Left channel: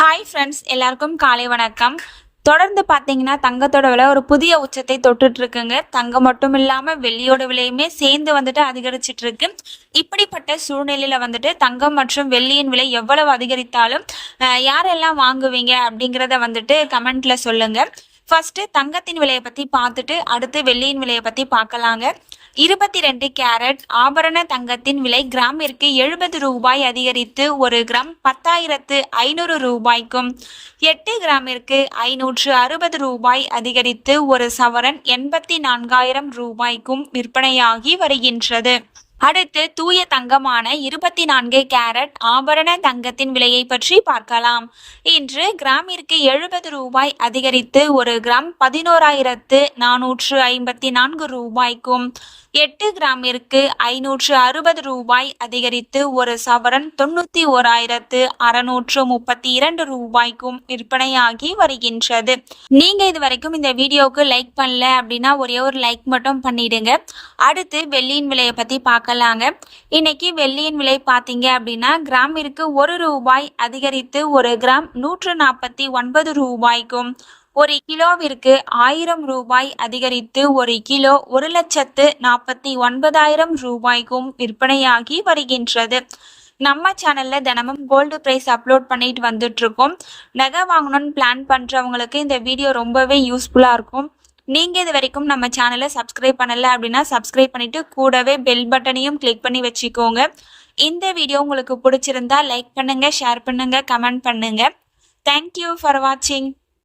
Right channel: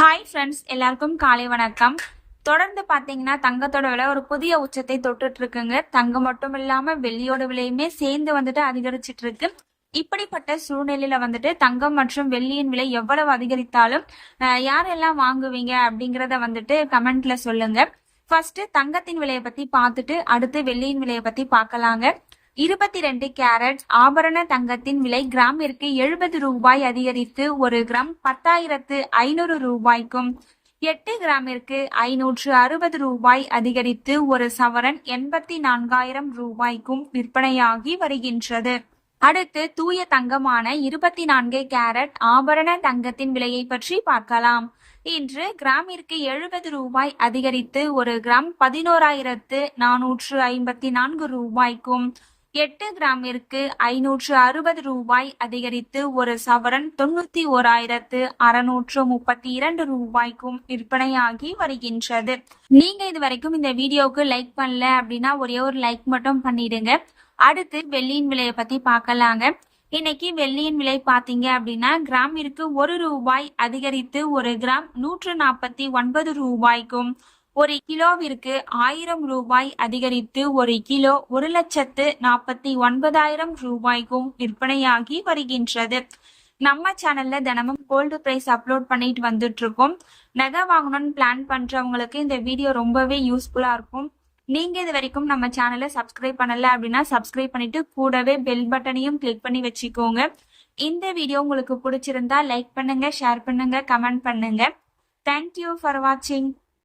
Hi friends, எல்லாருக்கும் காலை வணக்கம். தொடர்ந்து பார்த்தீங்கன்னா தங்கத்தோட விலை ஒரு புதிய உச்சத்தை தொட்டுட்டு இருக்குங்க. தங்கம் மட்டும் இல்லாமல் வெள்ளியோட விலையுமே சேர்ந்து வந்துட்டு அதிகரிச்சிட்டு இருக்கு. இப்படிப்பட்ட சூழ்நிலையில வந்துட்டு தங்கம் மற்றும் வெள்ளியின் விலை எவ்வளவு அதிகரித்தாலும் யாரெல்லாம் வாங்குவீங்க அப்படிங்கிறத வந்துட்டு கமெண்ட்ல சொல்லுங்க. ஃபர்ஸ்ட் தங்கத்தின் விலையை பத்தி பார்த்துட்டு அடுத்து வெள்ளியின் விலையை பத்தி பார்க்கலாங்க. 22 கேரட் ஆபரண தங்கத்தின் விலை கிராமிற்கு 70 ரூபாய் அதிகரித்து ஒரு கிராம் 10,500 ரூபாய்க்கும், 8 கிராமிற்கு 560 ரூபாய் அதிகரித்து ஒரு சவரன் 84,000 ரூபாய்க்கும் விற்பனையாகி வருகின்றது. அடுத்து தூய தங்கமான 24 கேரட் ஆபரண தங்கத்தின் விலையை பற்றி பார்க்கலாம். இன்று கிராமிற்கு 70 ரூபாய் அதிகரித்து ஒரு கிராம் 11,454 ரூபாய்க்கும், 8 கிராமிற்கு 560 ரூபாய் அதிகரித்து ஒரு சவரன் 91,632 ரூபாய்க்கும் விற்பனையாகி வருகின்றது. நீங்க இது வரைக்கும் இந்த வீடியோவுக்கு லைக் பண்ணல அப்படின்னா ஒரே ஒரு லைக் மட்டும் பண்ணிடுங்க. அடுத்து வெள்ளியின் விலையை பத்தி பார்க்கலாங்க. இன்னைக்கு வெள்ளியின் விலை பார்த்தீங்க அப்படின்னா கிராமிற்கு 1 ரூபாய் அதிகரித்து ஒரு கிராம் 149 ரூபாய்க்கும், ஒரு கிலோவிற்கு 1000 ரூபாய் அதிகரித்து ஒரு கிலோ 1,49,000 ரூபாய்க்கும் விற்பனையாகி வருகின்றது. நம்ம சேனல்ல தினமும் கோல்டு பிரைஸ் அப்லோட் பண்ணிட்டு வந்துட்டு இருக்கோம். நகை வாங்கணும்னு பிளான் பண்றவங்களுக்கு இந்த வீடியோ ரொம்பவே யூஸ்ஃபுல்லா இருக்கும். நீங்க இது வரைக்கும் நம்ம சேனலை சப்ஸ்கிரைப் பண்ணல அப்படின்னா சப்ஸ்கிரைப் பண்ணிட்டு கூடவே பெல் பட்டனையும் கிளிக் பண்ணி வச்சுக்கோங்க. இந்த வீடியோ உங்களுக்கு பிடிச்சிருந்தா லைக் பண்ணுங்க, ஷேர் பண்ணுங்க, கமெண்ட் பண்ணுங்க. தேங்க்யூ ஃபார் வாட்சிங்.